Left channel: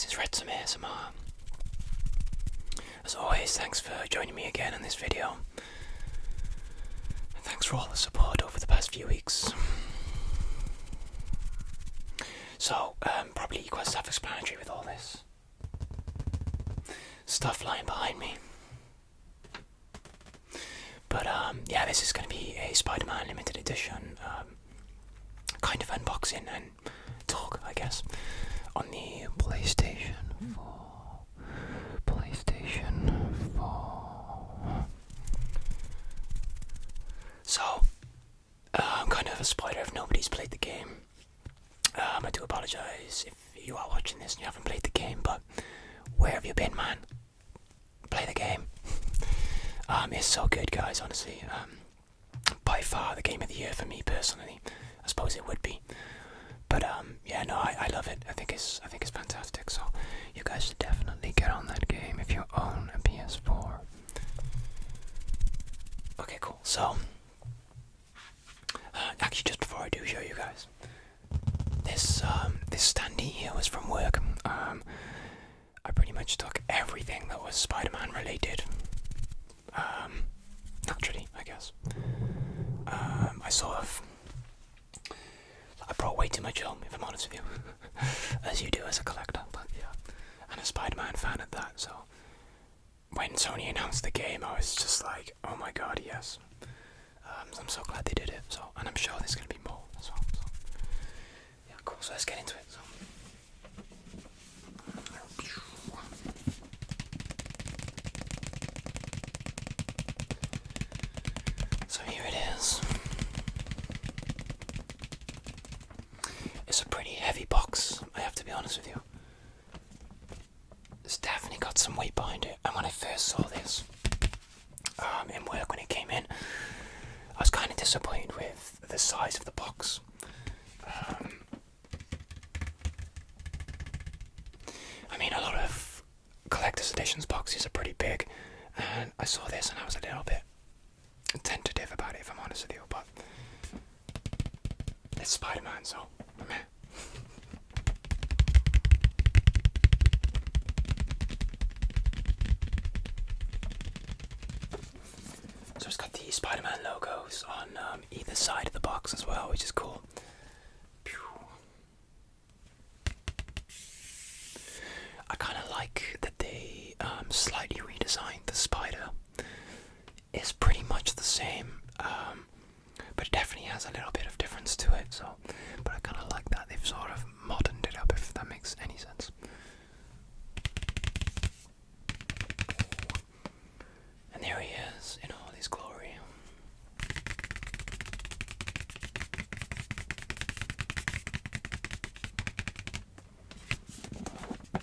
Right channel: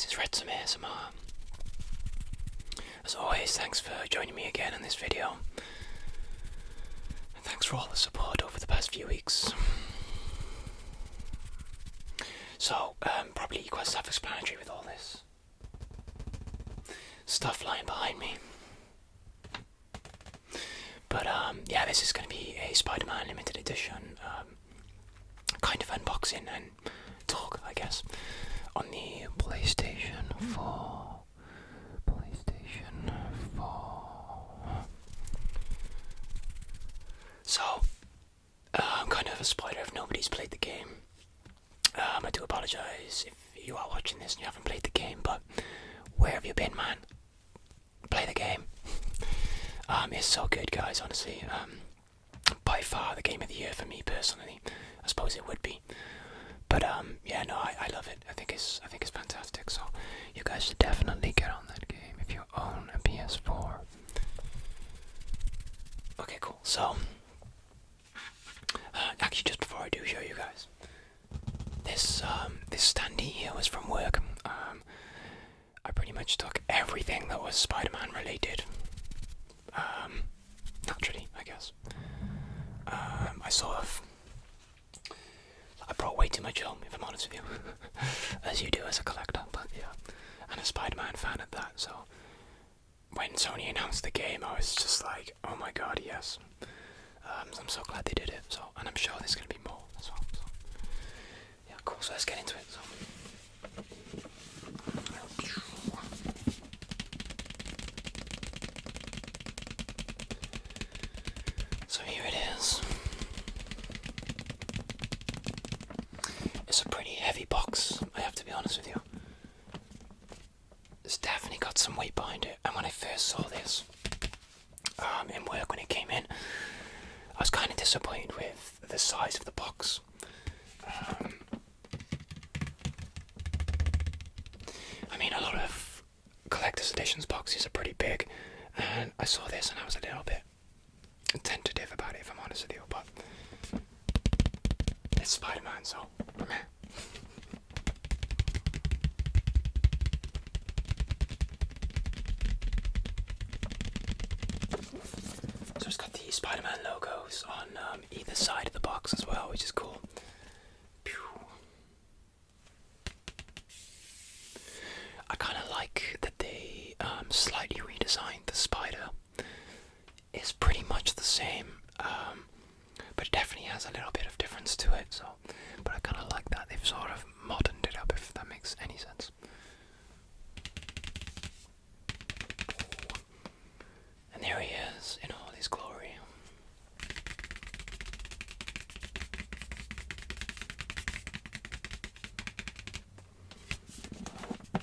this is Retsam ASMR. As always, thanks for joining me again in this video. And thanks for all the support over the past few weeks. So, probably quite self-explanatory with all this stuff lying behind me. But, yeah, this is going to be a Spider-Man limited edition kind of unboxing and talk, I guess, on the PlayStation 4. So, I'm kind of a spoiler if nobody's played the game. I do apologise if you are watching this and you haven't played the game, but where have you been, man? Play the game. It's so good, guys, honestly. By far the game of the year for me personally. I suppose it would be. But yeah, no, I love it. I think it's fantastic. So you guys should definitely get on that game if you own a PS4. Okay, cool. So actually, just before I do show you guys, this standee here was from work. I pretty much took everything that was Spider-Man related. Naturally, I guess. I brought way too much home, if I'm honest with you, as you do as a collector, but yeah, and a Spider-Man fan at that, so when Sony announced the game, I was just like, oh my god, yes. So I'm so glad they did it, so, and I'm sure there's going to be more as well, so, yeah, cool, so let's get into it, So here it is. It's a pretty heavy box, I have to be honest with you. It's definitely got some weight behind it, and when I first saw this in work when it came in, I was kind of disappointed with the size of the box. I mean, a lot of collector's editions boxes are pretty big, and I saw this and I was a little bit tentative about it, if I'm honest with you, but it's Spider-Man, so meh. So it's got the Spider-Man logos on either side of the box as well, which is cool. I kind of like that they slightly redesigned the spider. It's pretty much the same, but it definitely has a little bit of difference to it. So, but I kind of like that they've sort of moderned it up, if that makes any sense. And there he is in all his glory.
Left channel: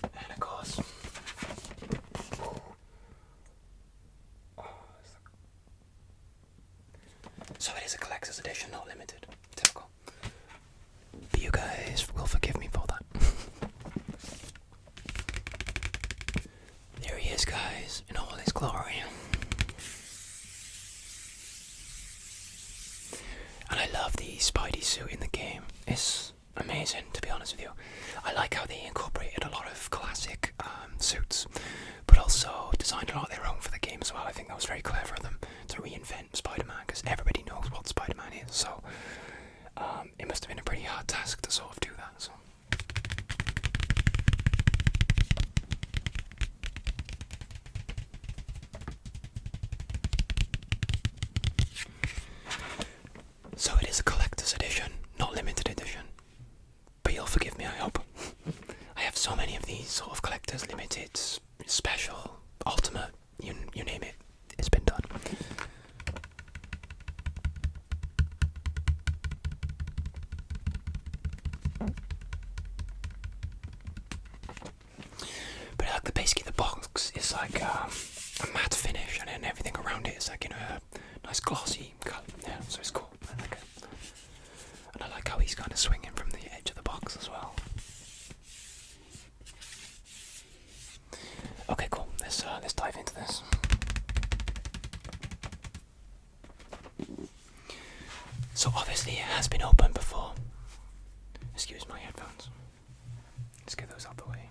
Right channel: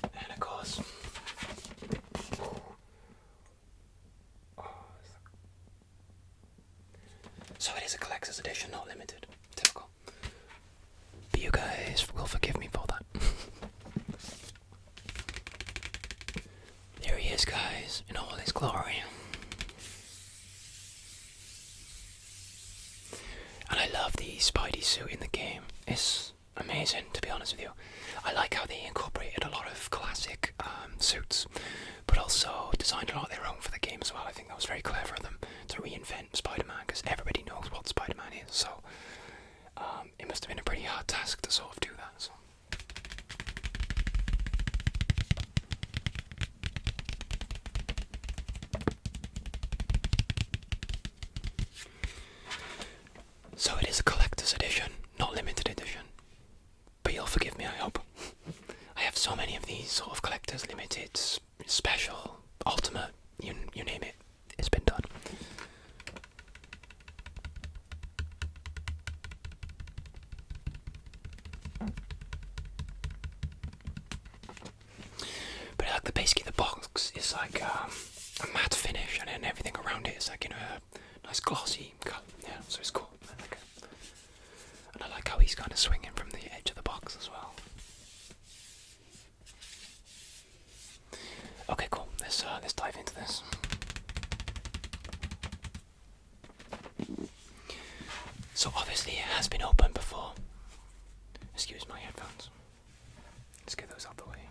And of course, so it is a collector's edition, not limited. Typical. But you guys will forgive me for that. There he is, guys, in all his glory. And I love the Spidey suit in the game. It's amazing, to be honest with you. I like how they incorporated a lot of classic suits, but also designed a lot of their own for the game as well. I think that was very clever of them to reinvent Spider-Man, because everybody knows what Spider-Man is, so it must have been a pretty hard task to sort of do that. So. So it is a collector's edition, not limited edition. But you'll forgive me, I hope. I have so many of these sort of collector's limited, special, ultimate, you name it, it's been done. But I like basically the box is like a matte finish, and then everything around it is like in a nice glossy colour. Yeah, so it's cool. I like it. And I like how he's kind of swinging from the edge of the box as well. Okay, cool. Let's dive into this. So obviously it has been opened before. Excuse my headphones. Let's get those out the way.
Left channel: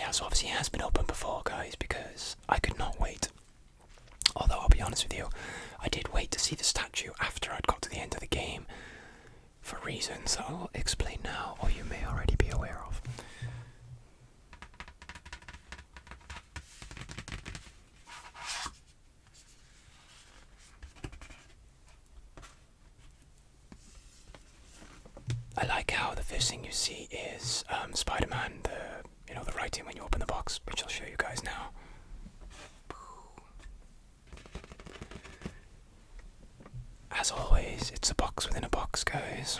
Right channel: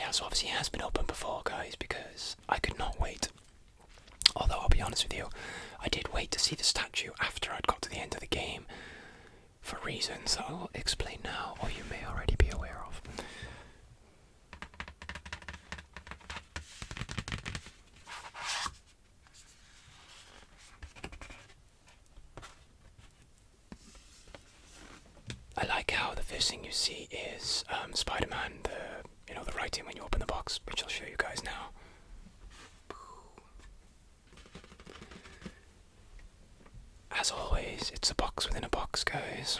yeah, so obviously it has been open before, guys, because I could not wait. Although, I'll be honest with you, I did wait to see the statue after I'd got to the end of the game, for reasons that I'll explain now, or you may already be aware of. I like how the first thing you see is Spider-Man, the writing when you open the box, which I'll show you guys now. As always, it's a box within a box, guys.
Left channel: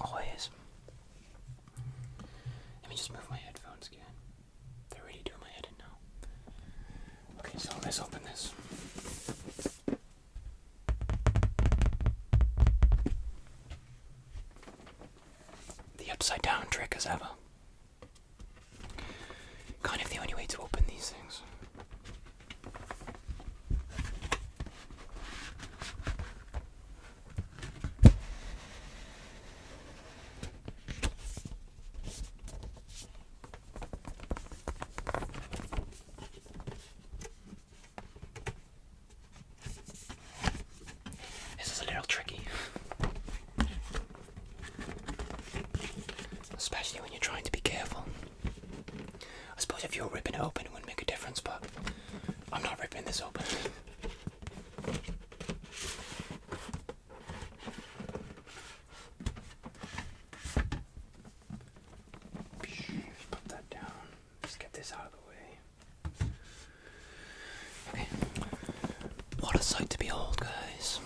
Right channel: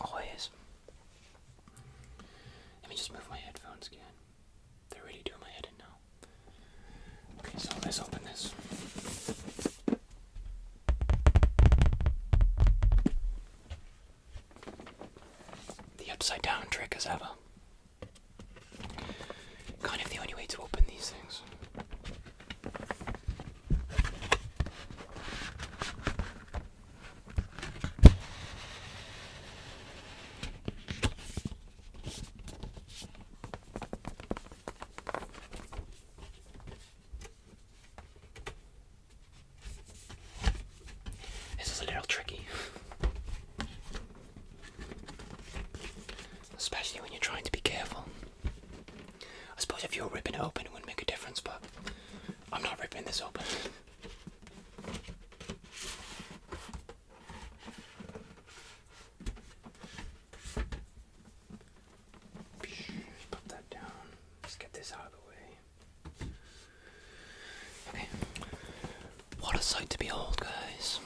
Always. Let me just move my headphones again. They're really doing my head in now. Okay, so let's open this. The upside down trick as ever. Kind of the only way to open these things. This is a little tricky. Especially when you're trying to be careful. I suppose if you were ripping it open it wouldn't make a difference, but I'm not ripping this open. Put that down. Let's get this out of the way. Okay. What a sight to behold, guys.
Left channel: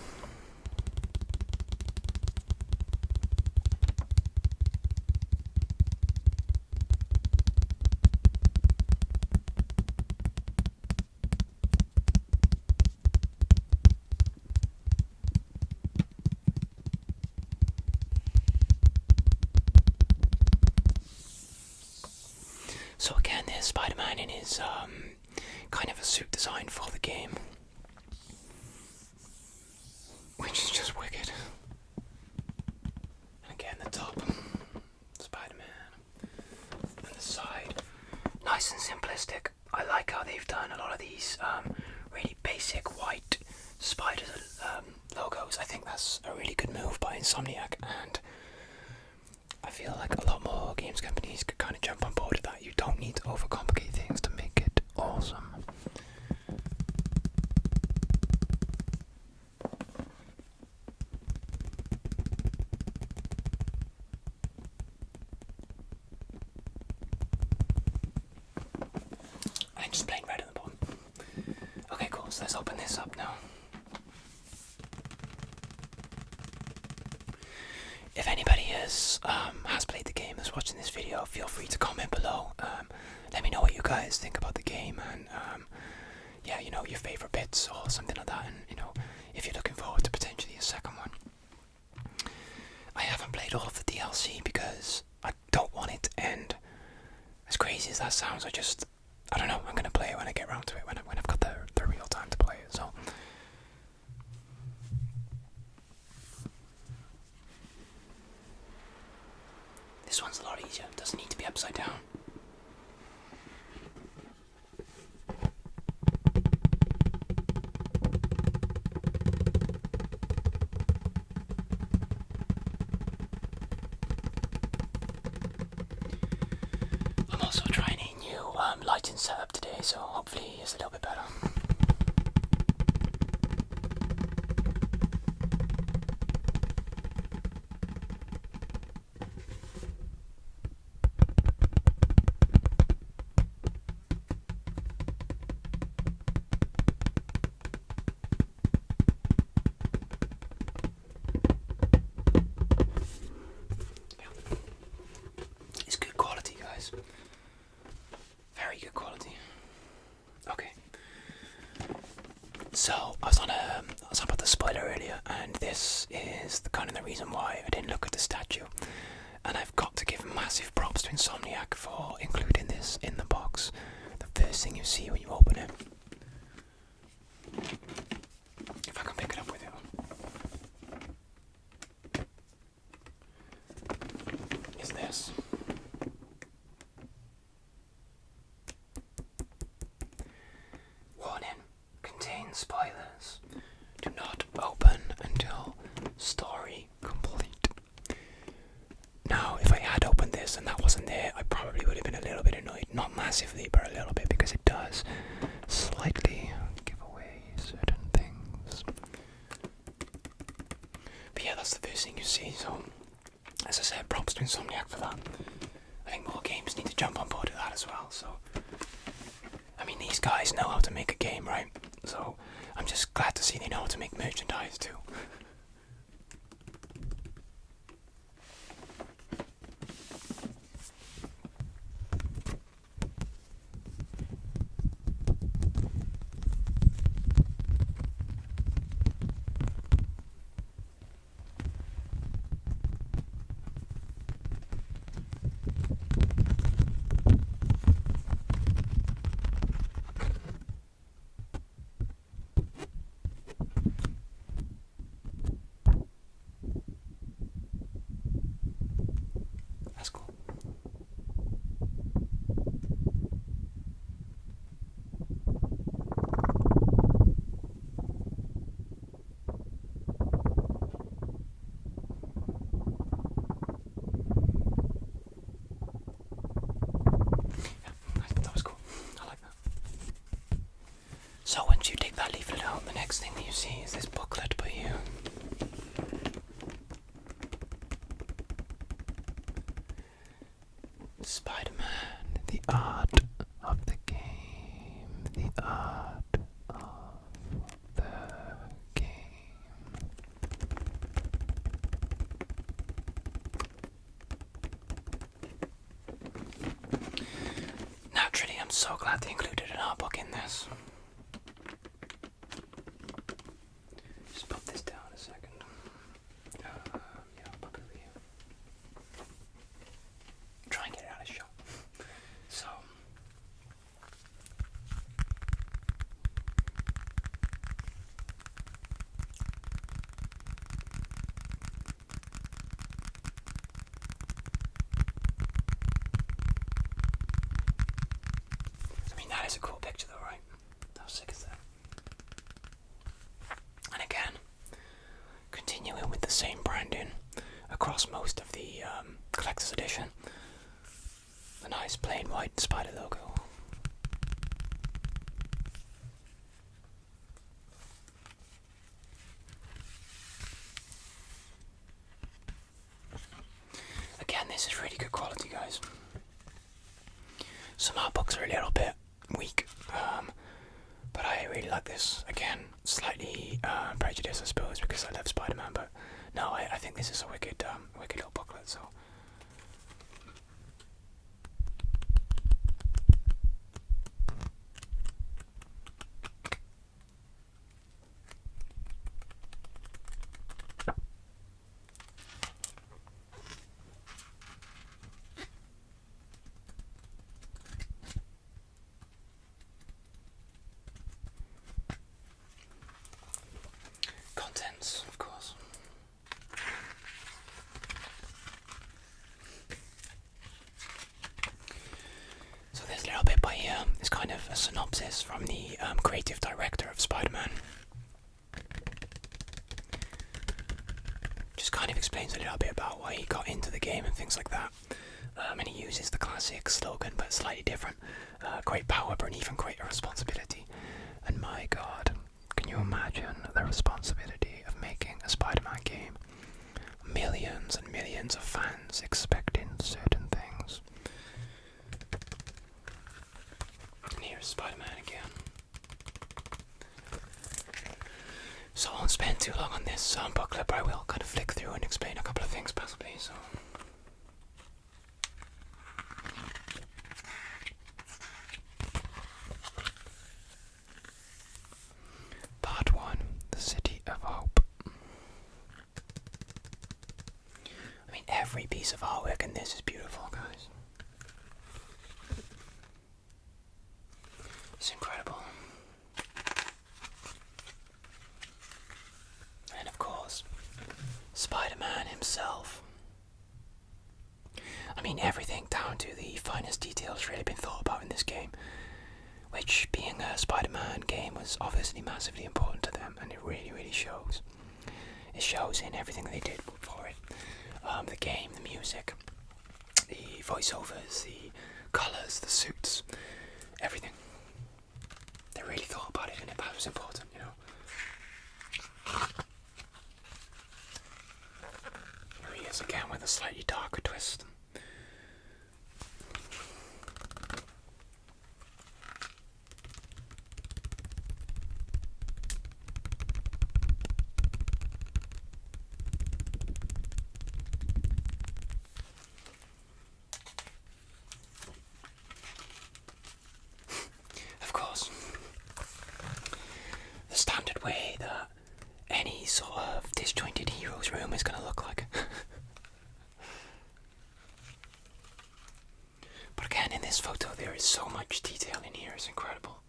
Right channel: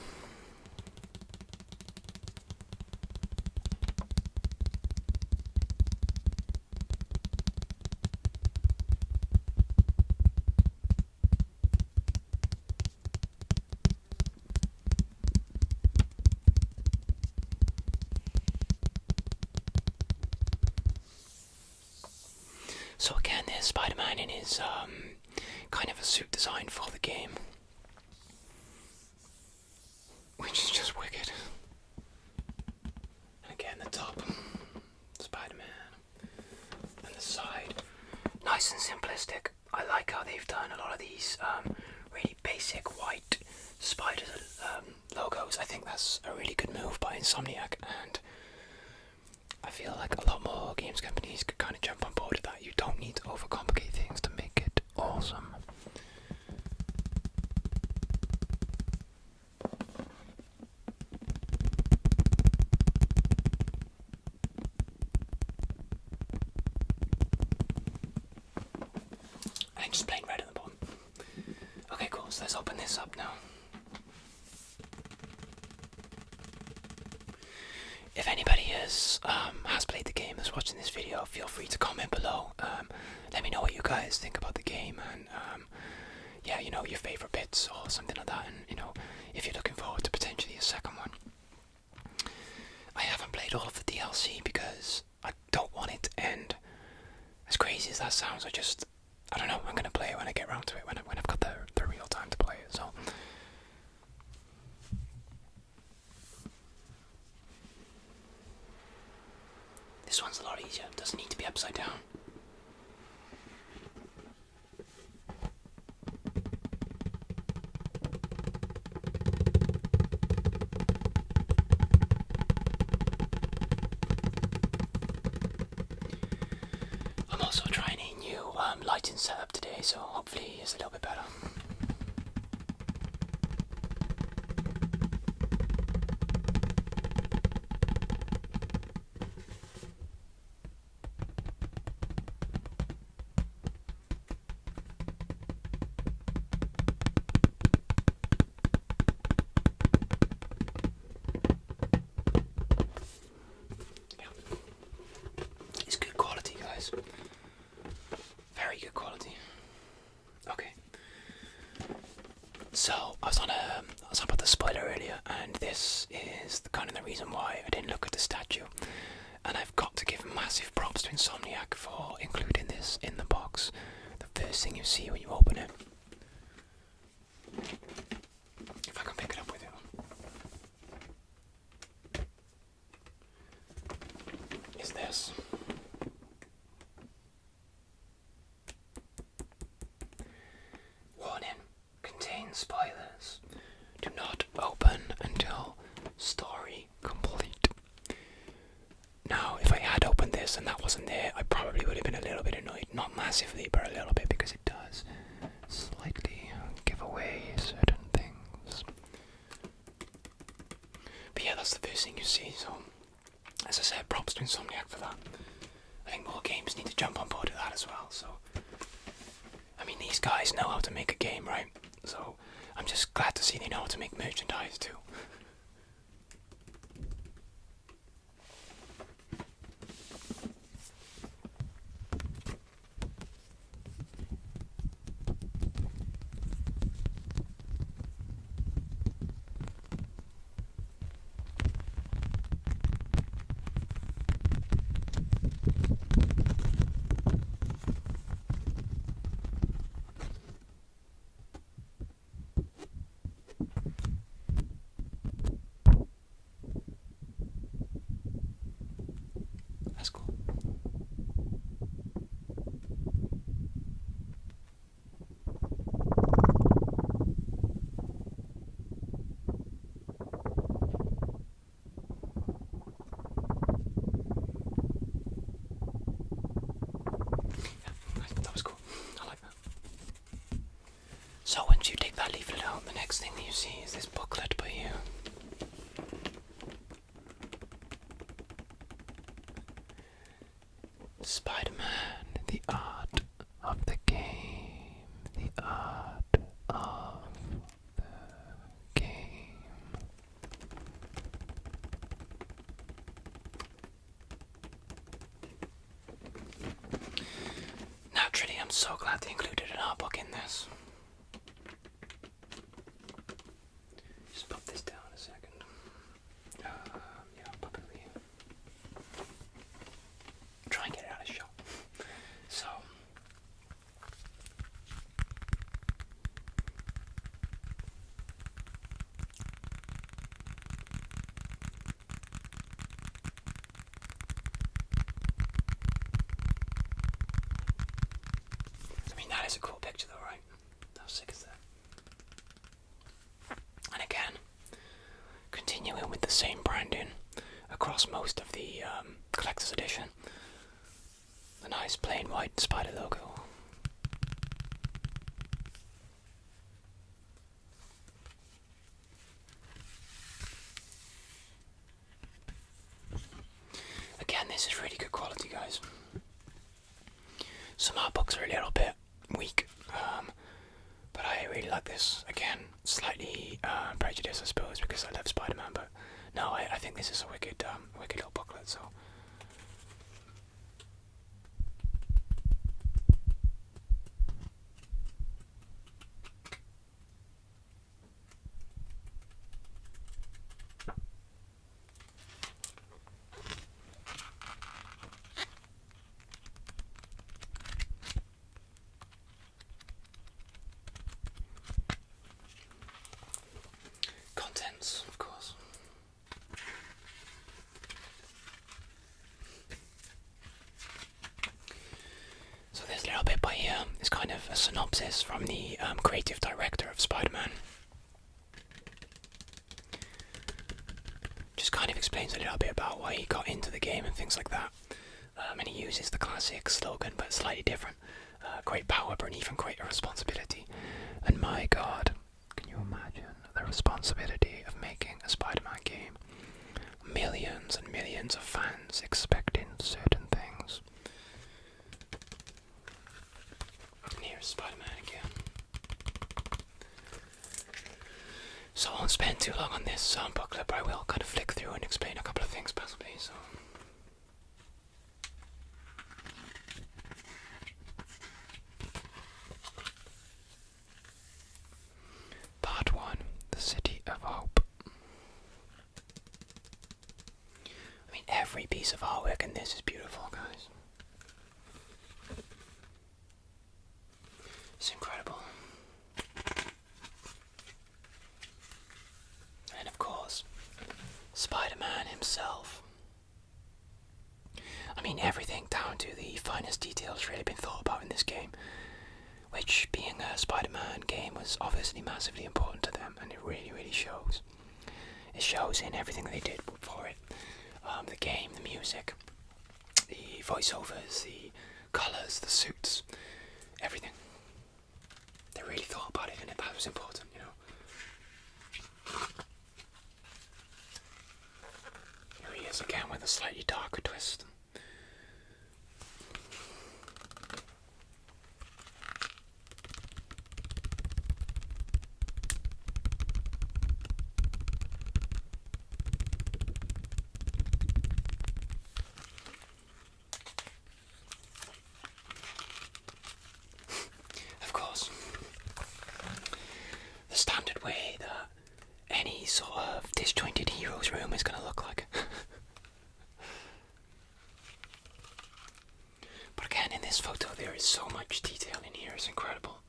So again, there's Spider-Man in his kind of a suit designed for the game, which is just wicked. And again, the top, Spider-Man, and the side, nice and simplistic. I like how they've done a lot of these really basic white spider logos. I think that's a really good move by Insomniac, and I feel like a lot more games companies could kind of jump on board with that. You don't need to overcomplicate things to make it awesome. And just plain red at the bottom. Okay, cool, so let's open this up now. If anybody has played the game, is watching this video, feel free to comment below. Let me know what you guys think about the game, and yeah, your favourite bits or something like that, and if you're looking forward to potentially a second one. I haven't played all of the DLC because I don't want it to end. As crazy as that sounds, I don't know, I'm going to play it when I get around to it, when I've got the real time to play it, so. This one's a lot easier, it doesn't need to be upside down. I'm also trying a new lighting setup today, so hopefully it's a little bit better. It's good quality, guys. Very good quality. Okay. So I was on about the spoiler earlier, and this is kind of the reason why I didn't look at the statue. And I've got to give massive props to Insomniac for including this in the box. The first thing you see when you open it. If I can pick it up with you. Is this. Now, if I had opened this and that wasn't there, I probably would have been a little bit annoyed. Not massively, but a little bit, because it does slightly give away certain things. But yeah, that's the first thing you see, so as I said, props to Insomniac for that. I think more games need to jump on board with that as well, so... I mean, these guys know how to make a game, right? So, I'm just glad to see they know how to make merchandise too. That's cool. Yeah, that was cool. I like that. So once you take that leaflet out, the next thing that you see is this booklet by you. Spider-Man, the art of the game, the art of the game. Naturally, I'm so glad they included an art book in this. Just pop this down a second. Yeah, pop it over here. Try and get it out of shot. So, I mean, that is a cool picture though, right? How sick is that? And again, continuing with the same branding across most of the collector's edition. The nice plain white spider logo. Again, this is really good quality, guys. Some art books are a little bit weak, but I really like this. Again, slightly prejudiced, I suppose, because I love Spider-Man, but no, I think this is a wicked little booklet, so... Contents, of course. So this little bit by here is kind of a synopsis from the creative director of Spider-Man. Just kind of explains a little bit about why he got into the game and things like that. And he uses the classic slogan, but slightly different. Great power, but an even greater responsibility. And my God, can you imagine the responsibility of making a Spider-Man game? Millions and millions of fans expecting certain things. And here's Spider-Man again. So I won't spend too long on this booklet, but I will kind of flick through and explain a couple of things possibly, so... Part 1, The City of Hope. I mean, every piece of artwork in this is beautiful, guys. It's incredible. And of course, Spider-Man himself. I mean, everything down to the finest details really been thought about in this game. Which, being a Spider-Man game, was obviously massively important to them, and it really, really shows. It shows in everything they did for it. The game, the music, voiceovers, the colours, the suits, everything. They really thought about it, and that was important, you know. Here he is again with a slightly darker twist. Of course, the standard way that any sort of disjointed hero's room is going to look like. But again, in this photo there is so much detail in here, it's incredible.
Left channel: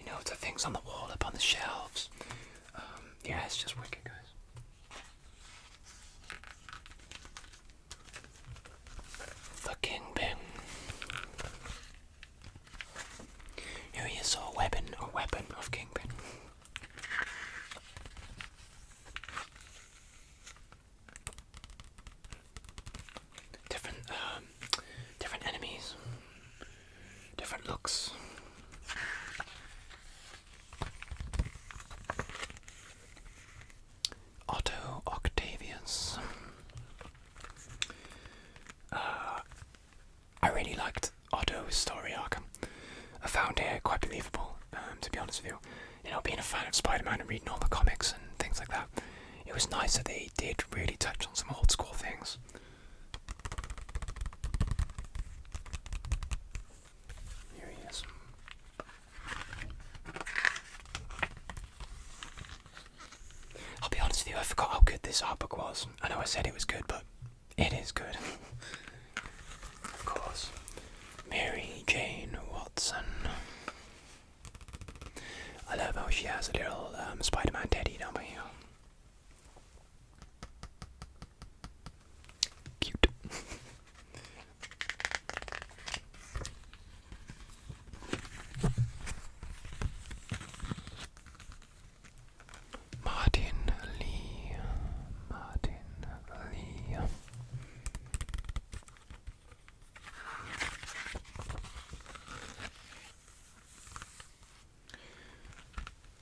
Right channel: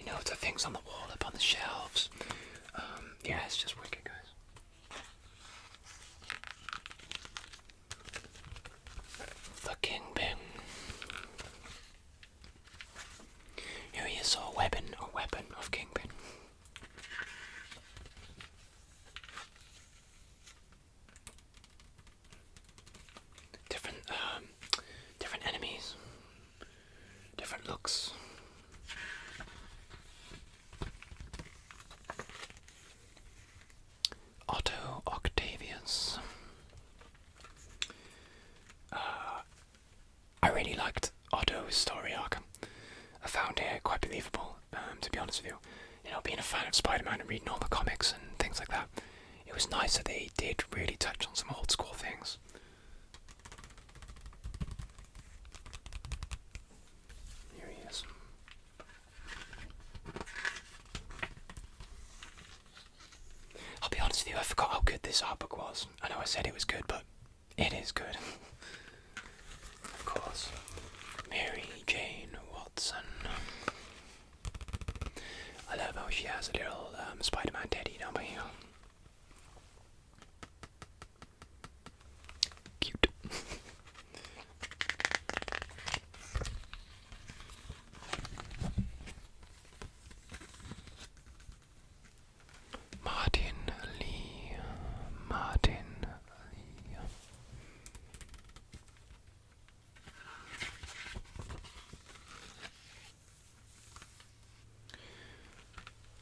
You know, the things on the wall, up on the shelves. Yeah, it's just wicked, guys. The Kingpin. Here he is, a weapon of Kingpin. Different enemies, different looks. Otto Octavius. I really liked Otto's story arc. I found it quite believable, to be honest with you. You know, being a fan of Spider-Man and reading all the comics and things like that, it was nice that they did really touch on some old school things. Here he is. I'll be honest with you, I forgot how good this art book was. I know I said it was good, but it is good. Of course. Mary Jane Watson. I love how she has a little Spider-Man teddy down by here. Cute. Martin Lee.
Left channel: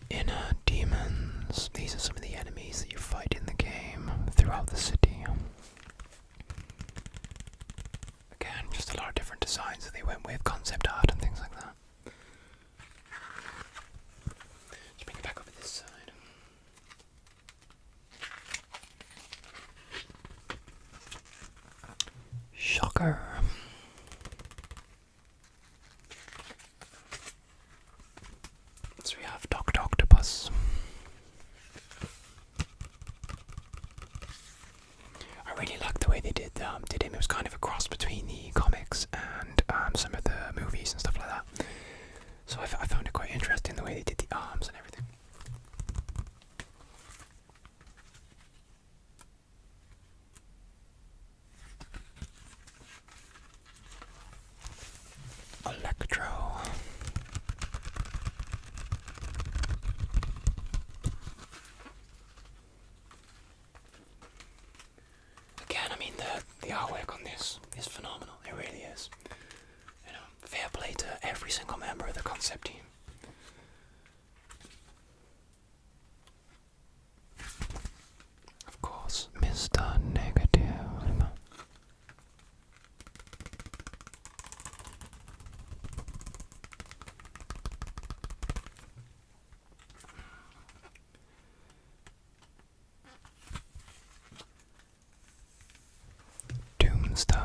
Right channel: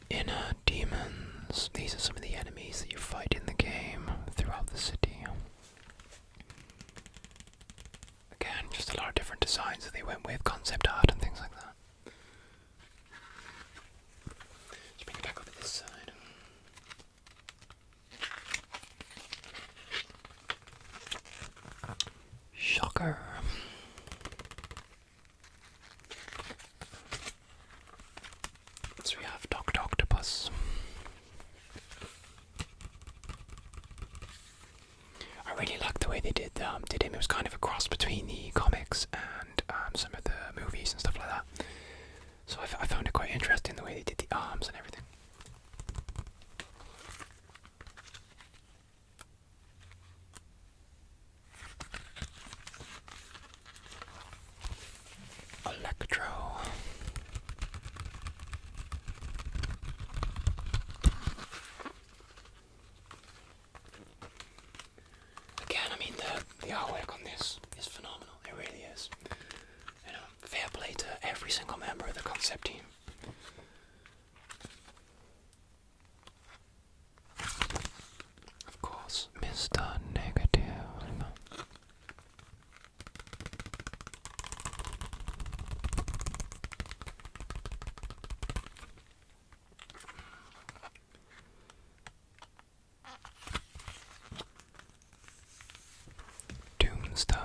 Inner demons. These are some of the enemies that you fight in the game throughout the city. Again, just a lot of different designs that they went with, concept art and things like that. Let's bring it back over this side. Shocker. So we have Dr. Octopus. I really liked the way they did him. It was kind of a cross between the comics and some of the movies and stuff like that. So I found it quite interesting the way they did the arms and everything. Electro. Again, I mean, the artwork on this is phenomenal. It really is. You know, fair play to every single member of the concept team. Of course, Mr. Negative. Tombstone.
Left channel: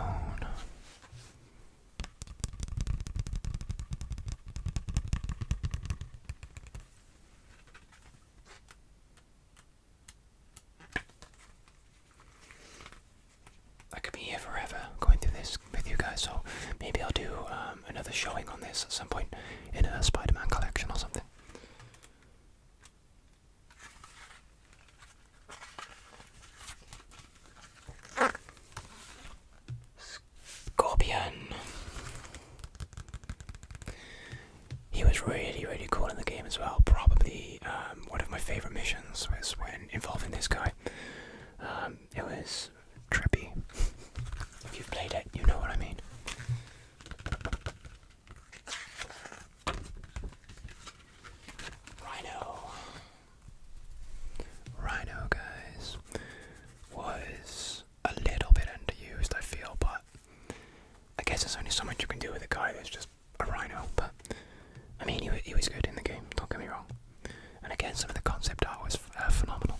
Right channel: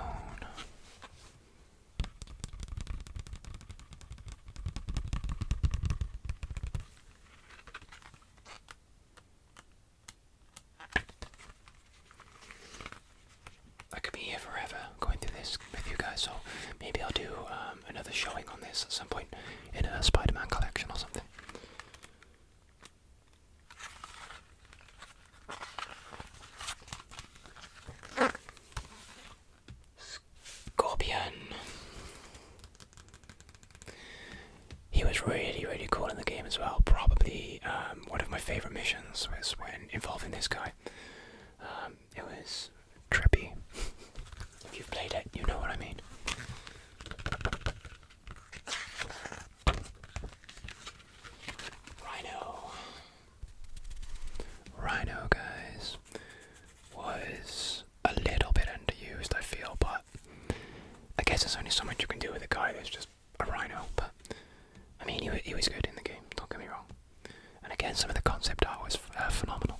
I could be here forever going through this with you guys, so maybe I'll do another showing on this at some point in a Spider-Man collection or something. Scorpion. He was really cool in the game as well. Probably one of my favourite missions was when involving this guy. It was trippy. If you've played it, you know what I mean. guess there's only so much you can do with a guy that's just a rhino, but I mean, he was good in the game, don't get me wrong. And again, some of the concept art was phenomenal.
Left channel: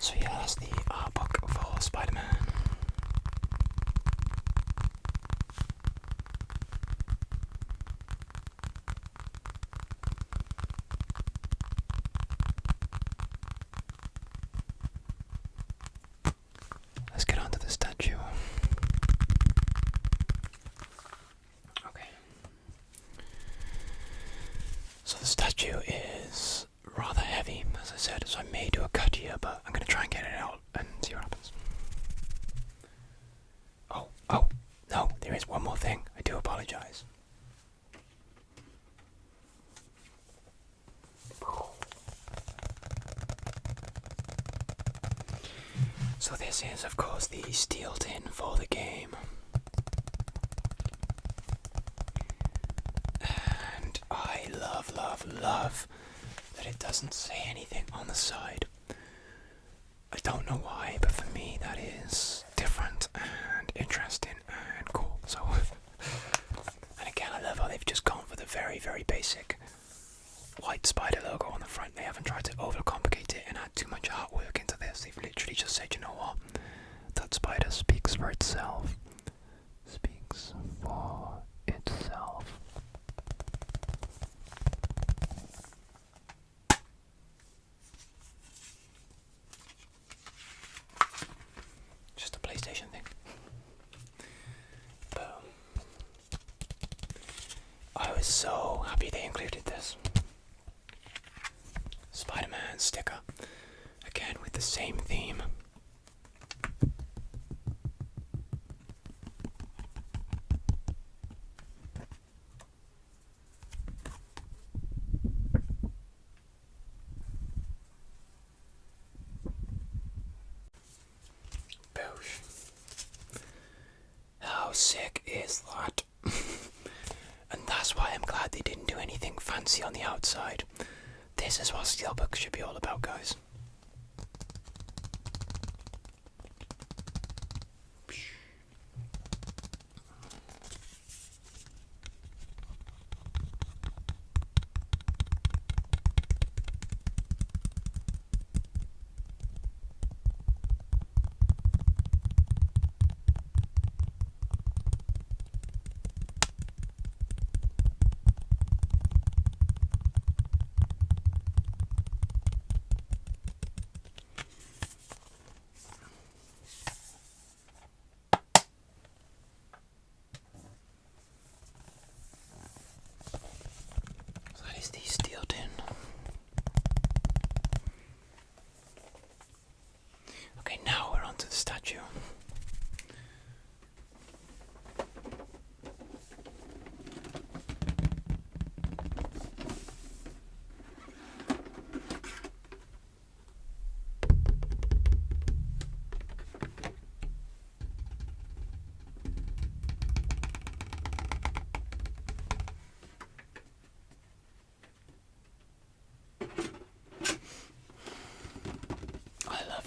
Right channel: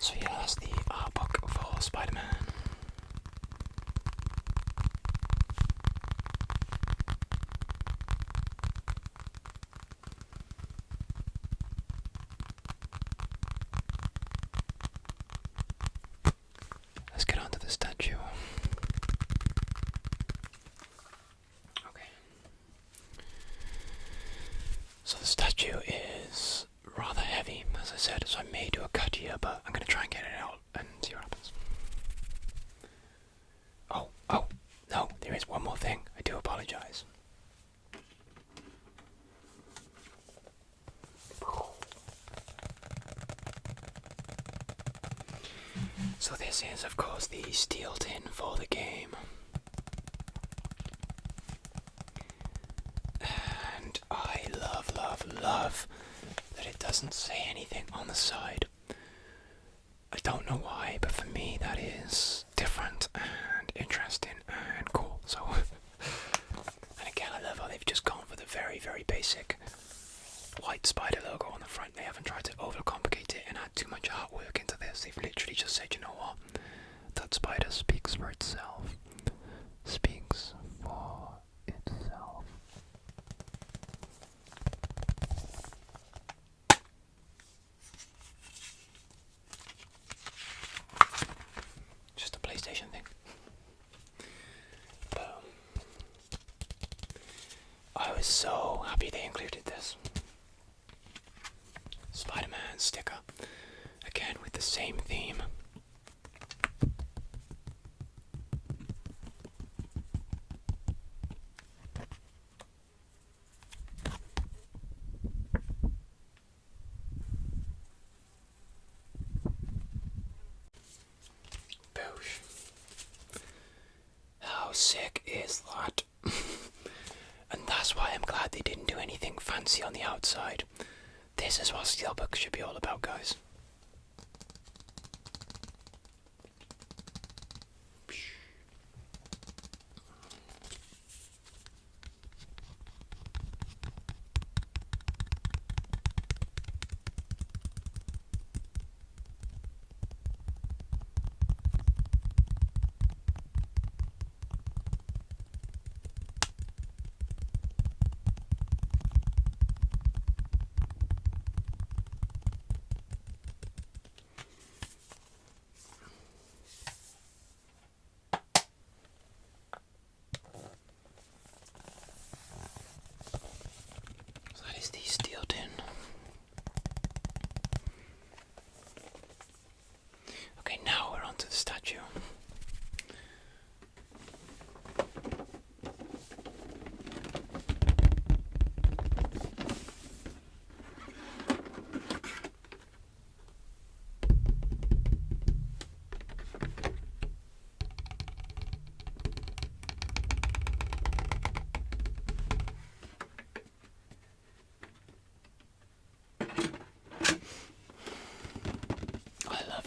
So yeah, that's the art book for Spider-Man. Let's get on to the statue. Okay. So the statue is rather heavy, as I said, so I may do a cut here, but I'm going to try and get it out and see what happens. Oh, no, there is one more thing. I do apologize. So this is, of course, the steel tin for the game. And I love that it doesn't say anything on the side. I don't know why, but for me that is different and interesting and cool. So, and again, I love how they've just gone for the very, very basic white spider logo on the front. They haven't tried to overcomplicate it and add too much artwork into this. They've literally just said, you know what, that spider speaks for itself. Speaks for itself. Just a PlayStation thing. Boom. I was so happy they included this Spider-Man sticker, again with the same theme. Boosh. How sick is that? And that's why I'm glad they didn't do anything fancy on the outside. This is what steelbooks should be all about, guys. The steel tin. Okay, now we're onto the statue.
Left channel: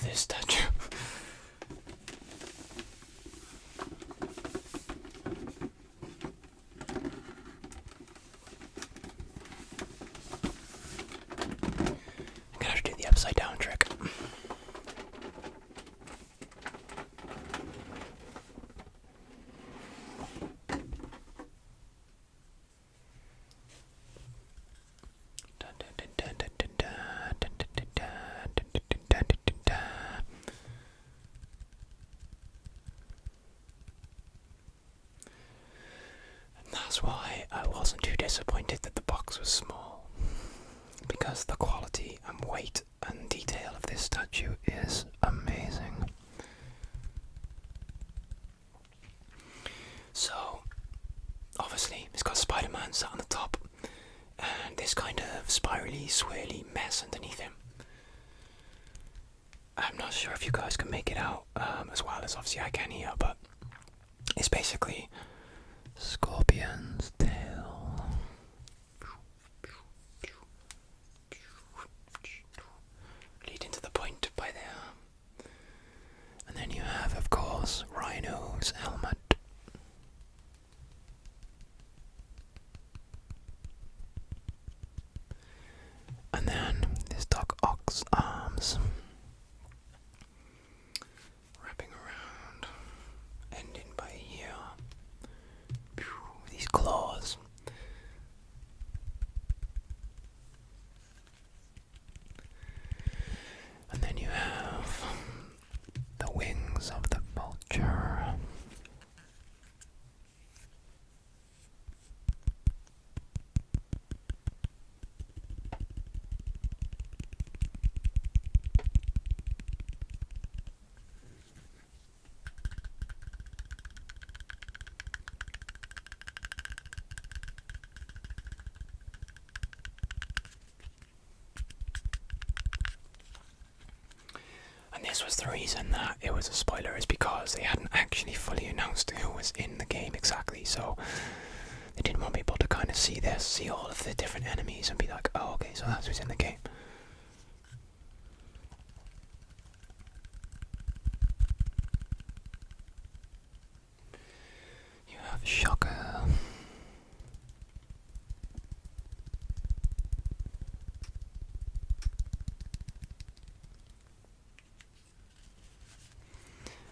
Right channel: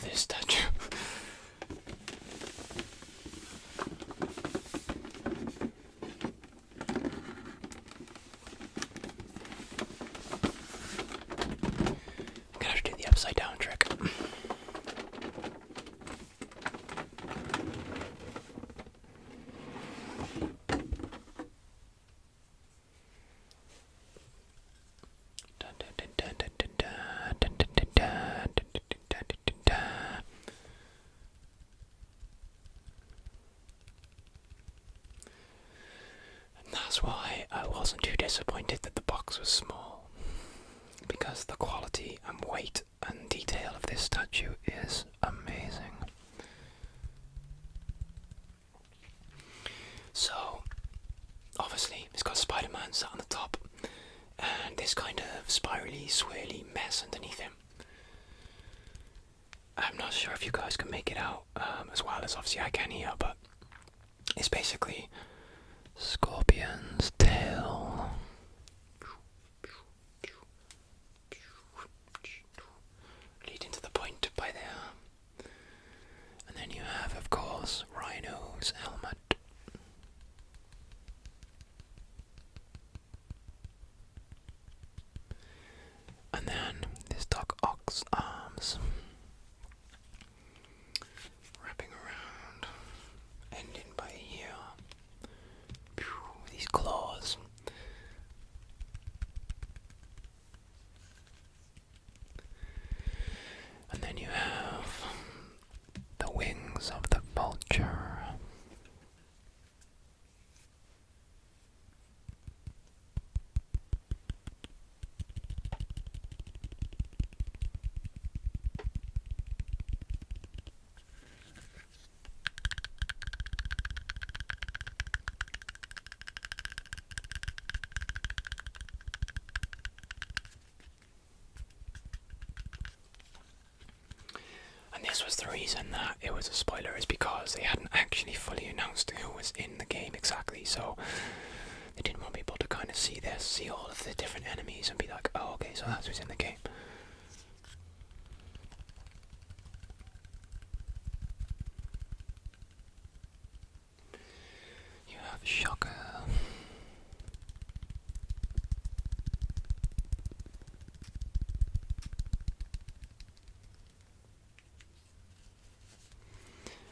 This statue. I'm gonna have to do the upside down trick. That's why I wasn't too disappointed that the box was small, because the quality and weight and detail of this statue is amazing. So, obviously, it's got Spider-Man sat on the top, and this kind of spirally, swirly mess underneath him. I'm not sure if you guys can make it out as well as obviously I can here, but it's basically scorpion's tail. Leading to the point by there. And then you have, of course, Rhino's helmet. And then this Doc Ock's arms. Wrapping around. Ending by here. These claws. And then you have the wings of the vulture. And this was the reason that it was a spoiler, is because they hadn't actually fully announced who was in the game exactly, so they didn't want people to kind of see this, see all of the different enemies and be like, oh okay, so that's who's in the game. You have Shocker.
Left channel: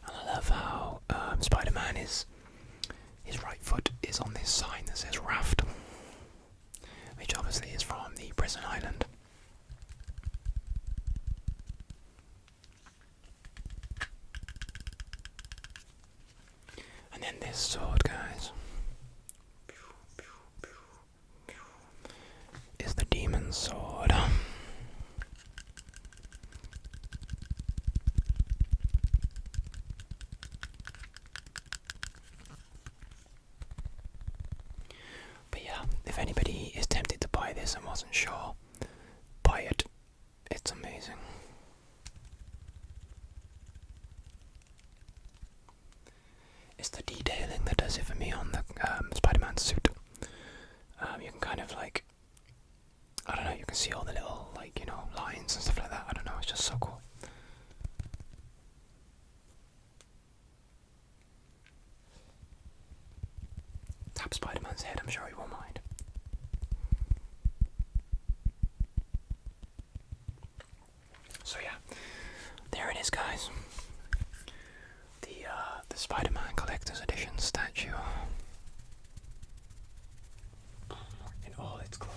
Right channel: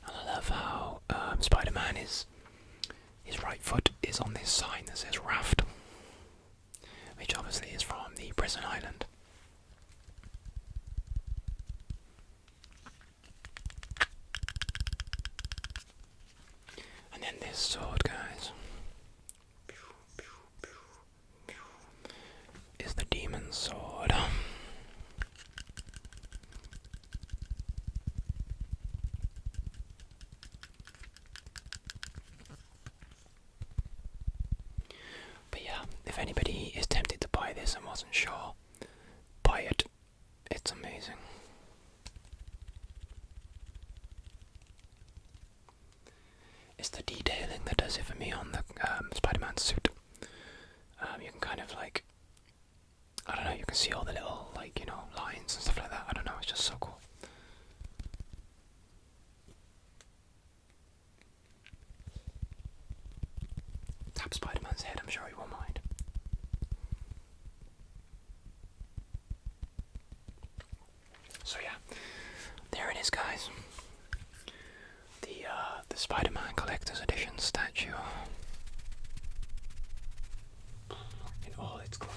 I love how Spider-Man his right foot is on this sign that says Raft, which obviously is from the prison island. And then this sword, guys, is the demon's sword. But yeah, if anybody is tempted to buy this and wasn't sure, buy it. It's amazing. It's the detailing that does it for me on the Spider-Man suit. You can kind of like, I don't know, you can see all the little, like, you know, lines and stuff like that. I don't know, it's just so cool. Tap Spider-Man's head, I'm sure he won't mind. So yeah, there it is, guys. The Spider-Man Collector's Edition statue in all its glory.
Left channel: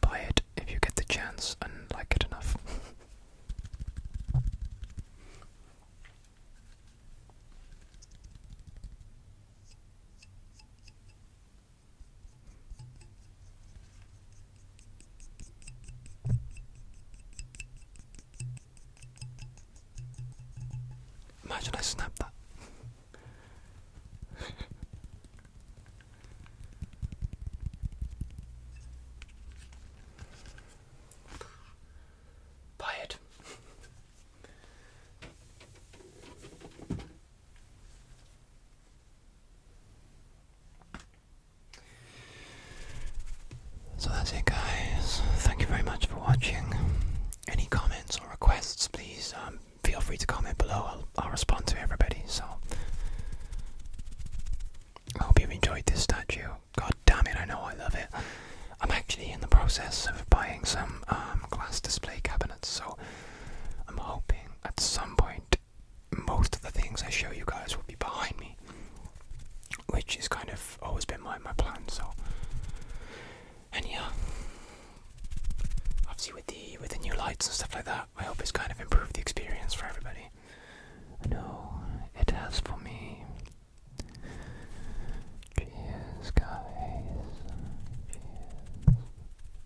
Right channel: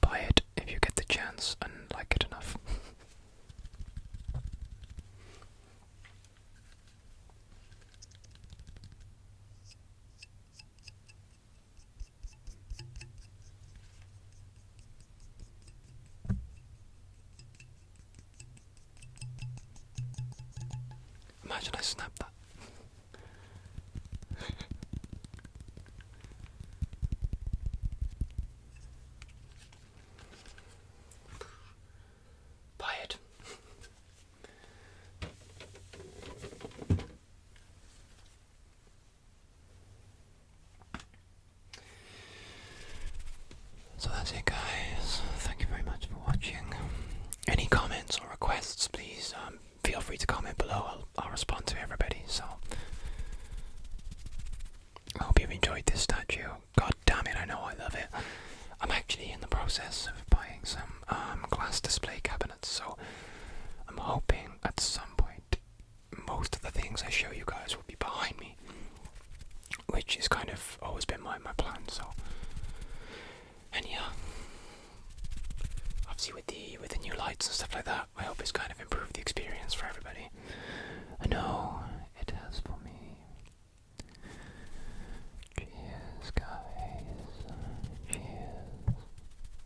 Buy it if you get the chance and like it enough. Imagine I snapped that. Buy it. So that's it, guys. Thank you very much for watching. Any comments or requests, please feel free to comment below. I'll respond to everybody. So I hope you've enjoyed this statue. God damn it, I know I love it. I'm actually in the process of buying some glass display cabinets, so I'm hoping at some point most of the things I show you guys will be behind me, which is kind of always been my plan. So, and yeah, obviously with the new lights and stuff like that, I hope it's kind of improved the experience for everybody. I know it has for me. Cheers, guys. Cheers,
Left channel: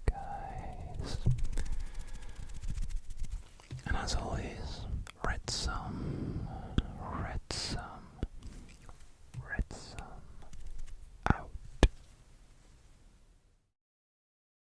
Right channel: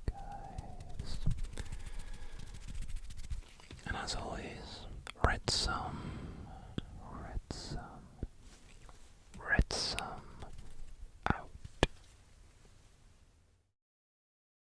guys. And as always, Retsam.